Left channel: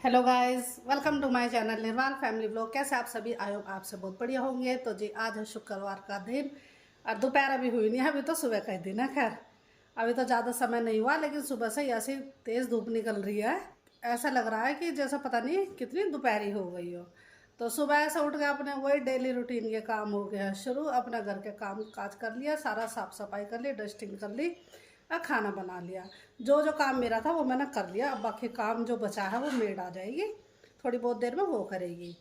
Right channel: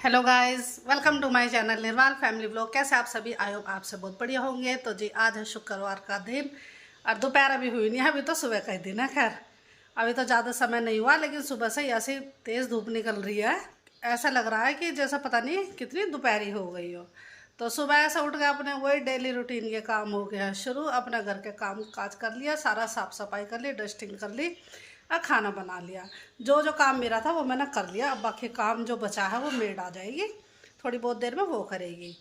Hello guys, welcome to my channel Nirwal family blog. कैसे आप सभी? आई होप आप सब बहुत बढ़िया होंगे। तो जी आज है शुक्रवार का दिन और दोपहर अभी हुई नहीं है, अभी तो सुबह का ही दिन है। खैर अभी तो ज़्यादा समय नहीं हुआ, लेकिन सुबह से ही ऐसी तेज़ धूप निकल रही है। ऐसा लग रहा है कि जैसा पता नहीं कितनी दोपहरी हो गई हो। तो सुबह से उठ के अपने वही डेली रूटीन के काम हो गया शुरू। अपने घर के काम काज कर लिया, सारा साफ़ सफाई कर ली, डस्टिंग कर ली और खाना बना लिया। जो जो काम मेरा था वो मैंने कर लिया। अब बाकी काम जो बचा है वो मेड आ जाएगी, थोड़ी बहुत देर में वो करेगी।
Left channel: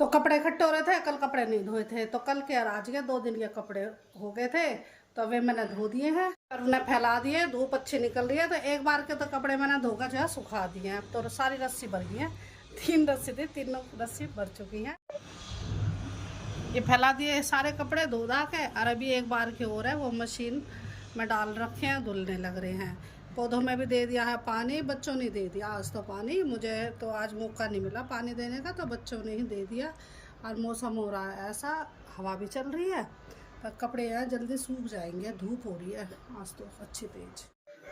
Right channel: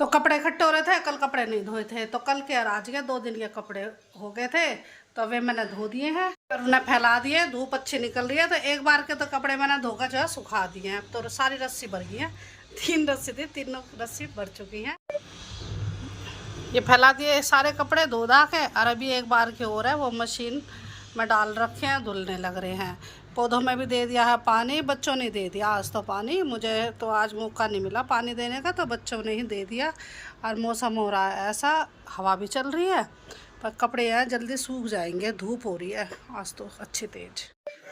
तो कपड़े इकट्ठे हो रहे थे, कल कपड़े नहीं धोए थे, तो कल के और आज के 2 दिन के कपड़े हो गए थे, तो वे मैंने धो दिए हैं और उन्हें फैला दिए। धूप अच्छी निकल रही है तो एक बार के तो कपड़े मैंने धोकर जो है सुखा दिए हैं। अब तो सारी रस्सी भर गई है, 3 रस्सी थी, 3 रस्सी भर चुकी हैं। ये फैला दिए सारे कपड़े धो धा के, और अभी एक बार के हो रहा है वो मशीन में डाल रखे हैं, धुलने लग रहे हैं। पौधों में भी दे दिया है पानी, बच्चों ने दे दिया आज तो पानी। मुझे तो आज मौका नहीं मिला पानी देने का, तो बच्चों ने ही दे दिया। और मौसम हो रहा है ऐसा, हवा भी चल रही है, पर कपड़े हैं जल्दी सूख जाएंगे, धूप हो रही है आज तो अच्छी तेज।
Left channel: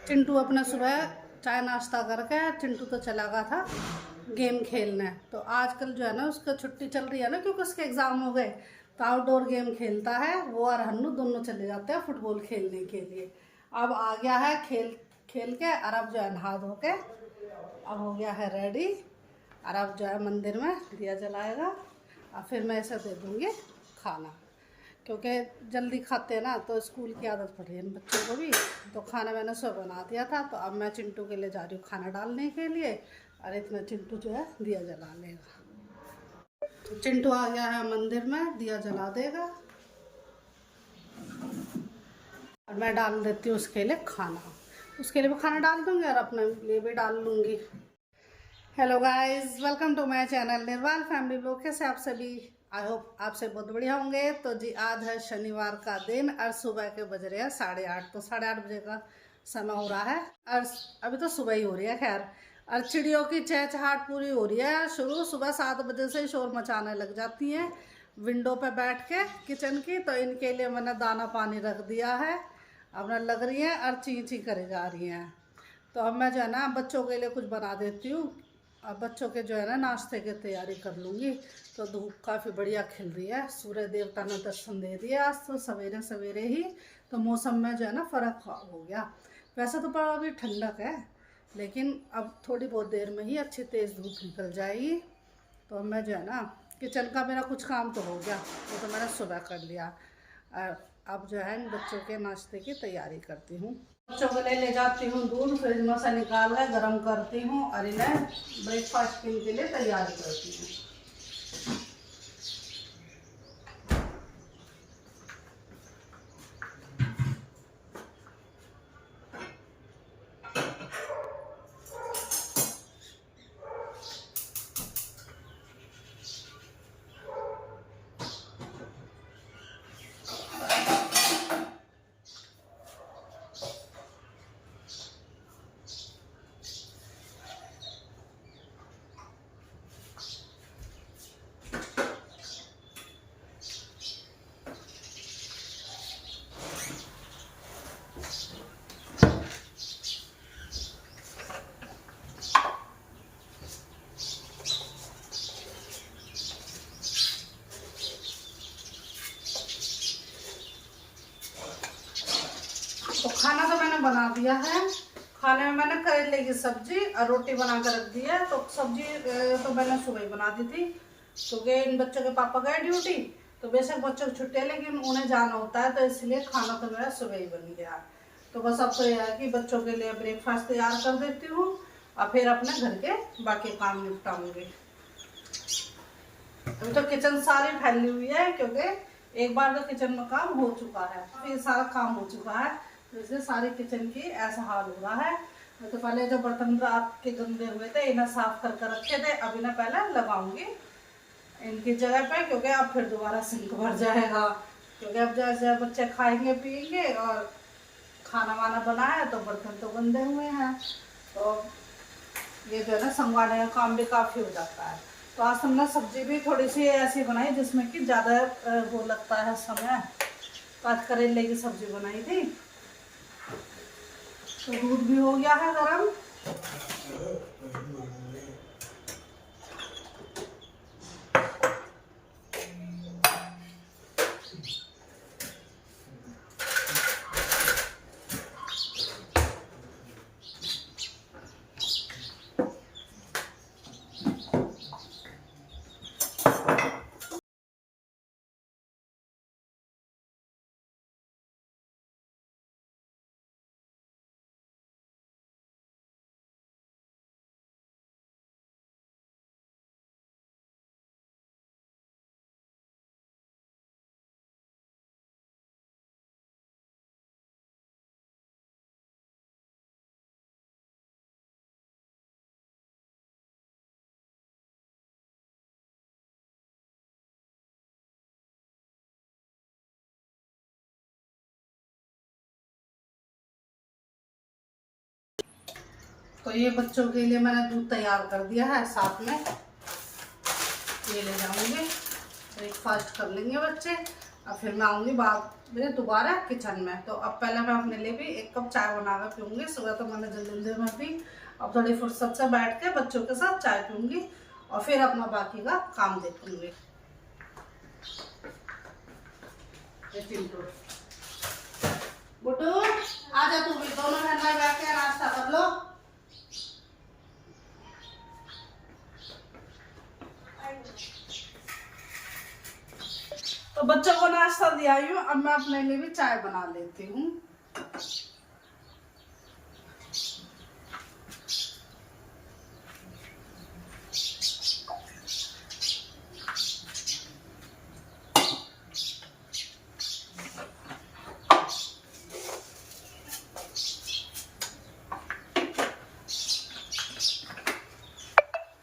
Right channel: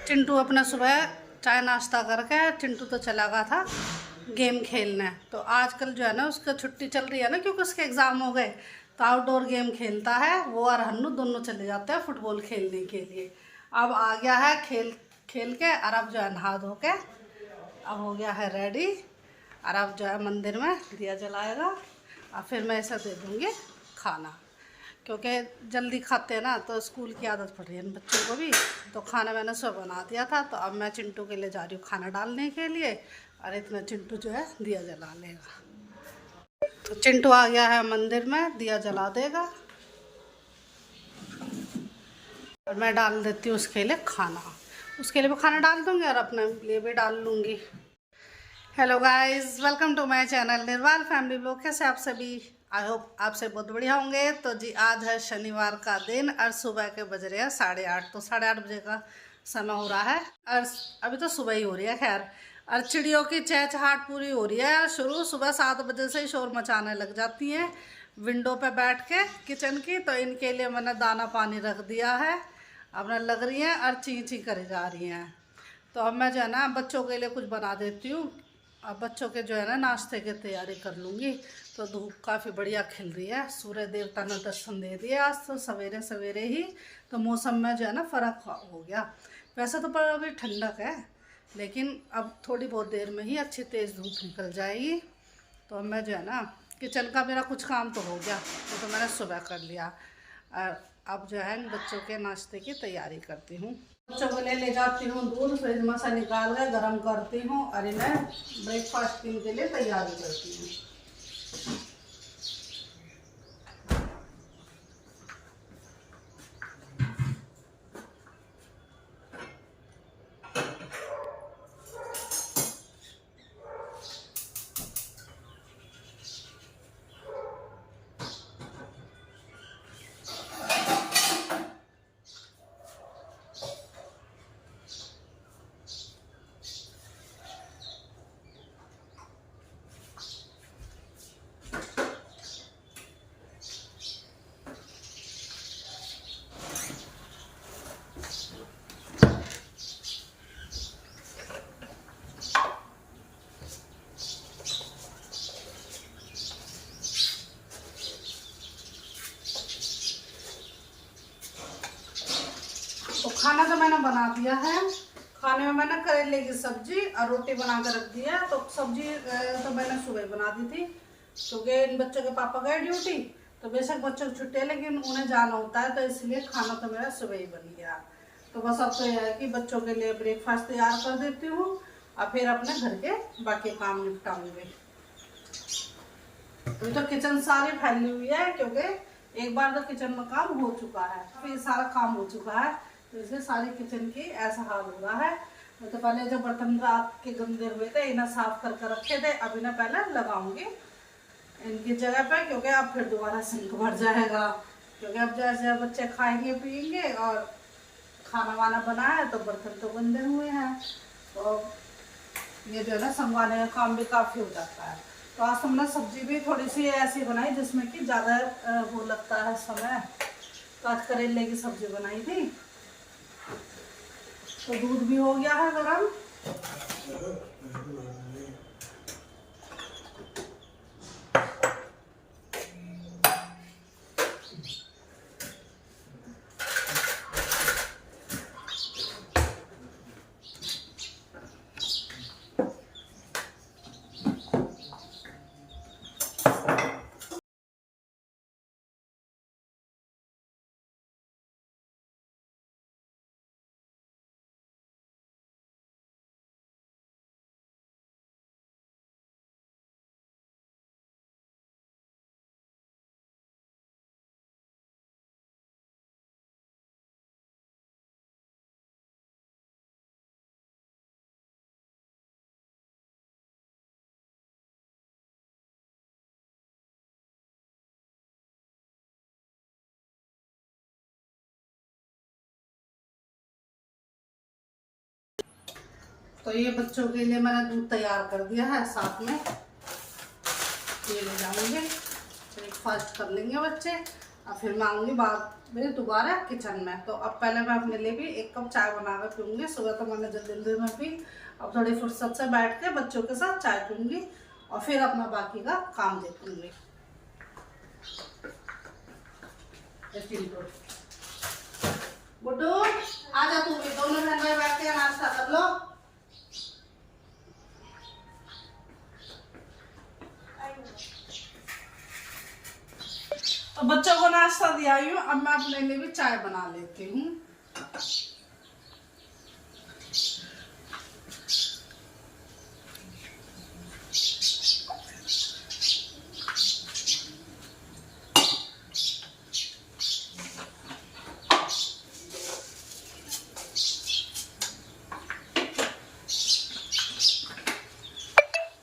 चिंटू अपना सुबह चाय नाश्ता करके चिंटू तो चला गया था गेम खेलने। तो आजकल जो है ना उसका छुट्टी चल रही है ना, क्योंकि उसके एग्ज़ाम हो गए, तो आउटडोर गेम खेलता है। वो और हन्नू दोनों चले जाते हैं फुटबॉल खेलने के लिए। अब आ गया है खेल खेल के, और अब जो है नहा धो के अब हो गया है रेडी। और अब जो है मंदिर में दिया जलाएगा और फिर मैं इसे दे दूँगी खाना, क्योंकि जल्दी खाते हैं ना, तो स्कूल की आदत पड़ रही है इन बच्चों को भी। तो खाना मैंने सुबह बना दिया था, तो अब मैं चिंटू के लिए जा रही हूँ खाना डालने के लिए, और इतना चिंटू जो है दिया जला लेगा। तो चिंटू आ गया है मंदिर में, दिया जला देगा और मैं डाल देती हूँ उसके लिए खाना। उसके लिए भी खाना डाल दूँगी और अपने लिए भी डाल लूँगी। Hello guys, welcome to my channel Nirwal family blog. कैसे आप सभी? आई होप आप से बहुत बढ़िया होंगे। तो जी आज है शनिवार का दिन और सुबह के बज रहे हैं 8:30। तो 8:30 बजे का समय हो रहा है और अभी तो सुबह ही हो रही है। खैर, और चिड़ियों की चहचहाट पूरी हो रही है शुरू। सुबह 7 बजे से ही शोर मचाने लग जाती हैं विंडो पे बैठ के किचन की। तो इनके लिए मैंने दाना पानी रख दिया है, अपना लग रही हैं और ची ची करे जा रही हैं। तो अब मैं जो है ना बच्चों के लिए कुछ बना देती हूँ। अब बच्चों के जो है ना नाश्ते की तैयारी कर लूँगी। तो धूप काफ़ी बढ़िया खिल रही है, सूर्य देवता ने दर्शन दे दिए आज तो सवेरे सवेरे ही। तो मौसम में जो है ना फ़र्क हो गया। वैसे तो पर अभी ठंडक है, लेकिन अब थोड़ी बहुत देर में ही अच्छी तेज़ धूप निकल जाएगी। तो अब मैं जो है ना किचन का मेरा कुछ काम तो हो गया, वो तो मैंने सुबह कर लिया। और अब जो है बच्चों के नाश्ते की तैयारी करती हूँ। बच्चों के लिए ले जाती हूँ दूध, फ्रिज में से निकाल कर गर्म करती हूँ और इन्हें ब्रेकफास्ट के लिए तैयारी करती हूँ। तो खाना तो मैंने बना दिया है। खाने में मैंने करेले की सब्जी और रोटी बना कर रख दी है। तो सब्जी तो मैंने सुबह बना दी थी, क्योंकि इन बच्चों के पापा गए ड्यूटी। तो बेशक बच्चों की छुट्टी है, लेकिन उन्हें जाना होता है, तो इसलिए खाना तो मेरा सुबह ही बन गया। तो बस अब तो यह है कि बच्चों के लिए ब्रेकफास्ट तैयार कर देती हूँ और फिर अपने घर के बाकी काम निपटाऊंगी। अभी तो किचन सारी फैली हुई है, क्योंकि एक बार तो किचन में काम हो चुका है, फिर सारा काम हो चुका है। जैसे सारी किचन की ऐसा हाल हो रहा है। तो पहले जो बर्तन रात के गंदे हुए थे इन्हें साफ कर कर रखे थे, अब इन्हें पहले लगाऊंगी इनकी जगह पे, क्योंकि अब फिर दोबारा सिंक भर जाएगा। क्योंकि अब जैसे बच्चे खाएंगे पिएंगे और खाना वाना बना है, तो बर्तन तो गंदे हुए हैं, तो ये जो है ना संभालने का काम भी काफ़ी हो जाता है। तो आज हमने सब्जी भी थोड़ी सी ऐसी बनाई जिसमें कि ज़्यादा वो लगता है समय। तो आज करेले की सब्जी बनाई थी। तो दूध भी हो गया है गरम। तो ये बच्चों के लिए मैंने दूध तैयार कर दिया है, साथ में ये ले जाऊंगी, ब्रेकफास्ट कर लेंगे बच्चे। अब फिर मैं आऊँगी बाद में दोबारा किचन में। तो अब पहले मैं अपने लिए भी 1 कप चाय बना कर पीऊँगी। सुबह तो मैंने जल्दी में पी, अब थोड़ी फुर्सत से बैठ के बच्चों के साथ चाय पीऊँगी और फिर अपना बाकी का काम देखूँगी। गुड्डू आजा, तू भी, दोनों जन बैठ के नाश्ता कर लो। तो बच्चों को नाश्ता दिया ही हूँ, अब मैं अपने लिए भी चाय बना लेती हूँ।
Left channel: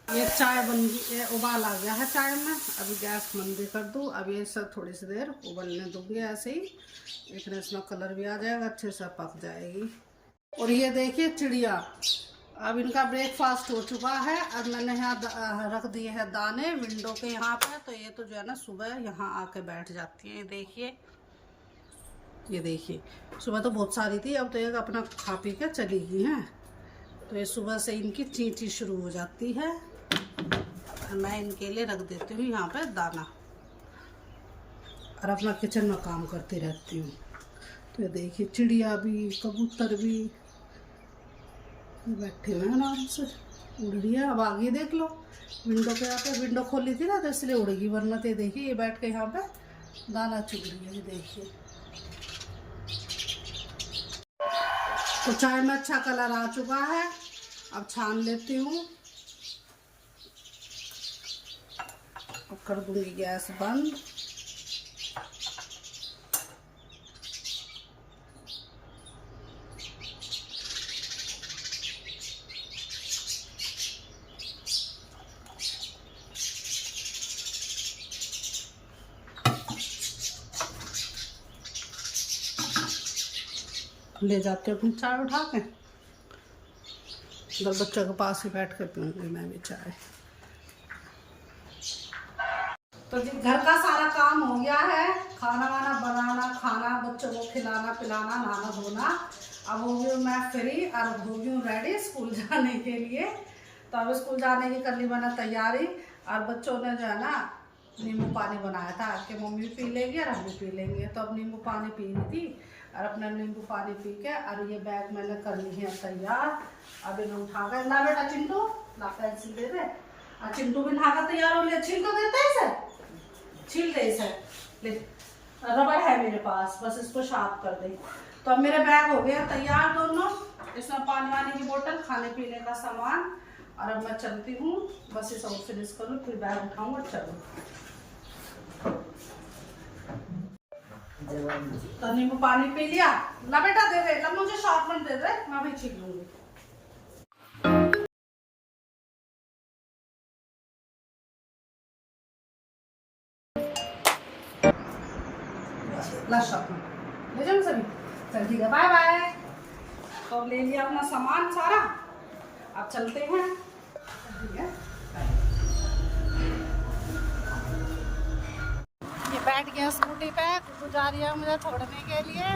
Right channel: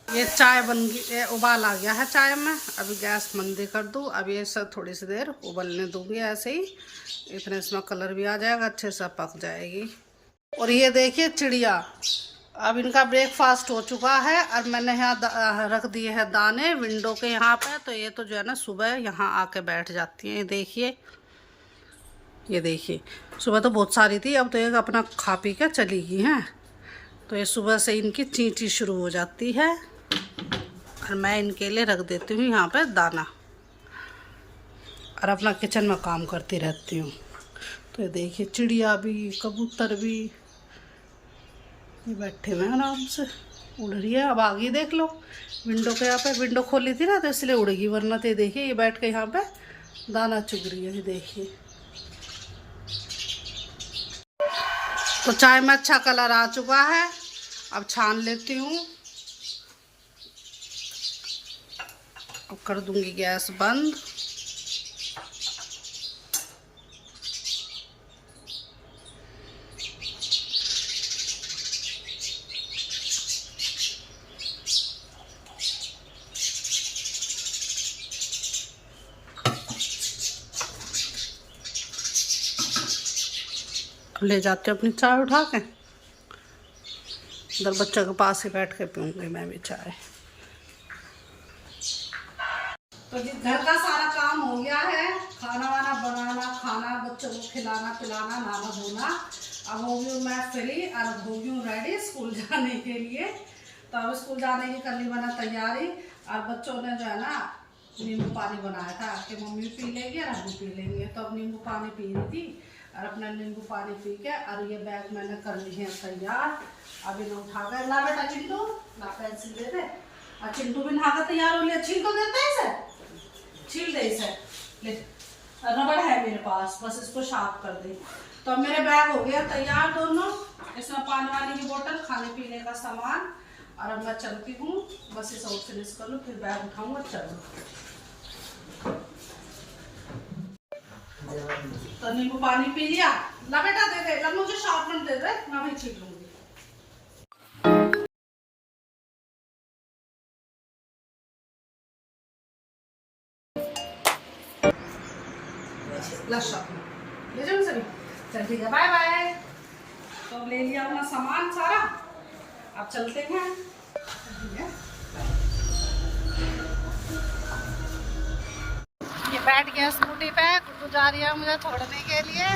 ये चाय बन गई, उबाल आ गया है चाय में। अभी गैस मंदी कर दूँ। अब ये सब थोड़ी सी देर उबलने दूंगी ऐसे ही, इतने इसमें कलर भी आ जाएगा, अच्छे से पक जाएगी। और ये देखिए चिड़िया, अब इनका ब्रेकफास्ट हो चुका है और मैंने यहाँ रख दिए हैं दाने विंडो के यहाँ पे। तो ये तो जो है ना सुबह यहाँ आके बैठ जाती हैं। ये देखिए सुबह तो बहुत सारी थी, अब तो एक अपना खा पी के चली गई हैं। तो ये सुबह से इनकी चींची शुरू हो जाती है और मैं इनके लिए रख देती हूँ यहाँ पे दाना और अपना किचन में काम करती रहती हूँ। तो ये देखिए चिड़िया भी, कबूतर भी, ये बैठे हुए हैं आराम से, उड़ रही है। अब आ गई, देख लो विंडो के यहाँ पे, विंडो खोली थी ना तो इसलिए उड़ेगी, वरना तो ये देखिए ये बैठ के यहाँ पे दाना चुग रही है। ये देखिए, तो चाय में अच्छा कलर आ चुका है, अब छान लेती हूँ। अब कर दूंगी गैस बंद। ले जाते अपनी चाय उठा के, इधर बच्चों के पास ही बैठ के पीऊँगी मैं भी चाय। तो जी घर का सारा काम हो गया है, खाना वाना बनाना, खाना बच्चों को खिलाना पिलाना, नहाना धोना। अब हो गई मैं फ्री और हो गई हूँ रेडी स्कूल जाने के लिए। तो अब स्कूल जाने की कर ली मैंने तैयारी। और बच्चों ने जो है ना नींबू पानी बनाया था कि मम्मी पी लेंगे और हम भी पी लेंगे। तो अब नींबू पानी पी रही थी और अपना नींबू पानी पी के, और ये बैग मैंने कर ली है तैयार। अब इन्हें उठा कर ला बेटा चिंटू, ला पेंसिल दे दे। और चिंटू भी नहा कर तैयार हो लिया, छिलको देते हैं इसे, छील दे इसे, ले रबड़ है मेरे पास, बस इसको शार्प कर दे। तो अब मेरे बैग हो गए तैयार दोनों, इसमें पानी वानी की बोतल, खाने पीने का सामान। और अब मैं चलती हूँ, बस इसे और फिनिश कर लूँ, फिर बैग उठाऊँ और चलूँ। तो नींबू पानी पी लिया, ला बेटा दे दे, ला मुझे शार्पनर दे दे, मैं भी छील लूँगी। ला शार्पनर ले जाऊँ सभी, चल ठीक है, बाय बाय। तो अब ले लिया अपना सामान सारा, अब चलते हैं। ठीक है, ये बैठ गया स्कूटी पे, गुड्डू जा रही है मुझे छोड़ने के लिए।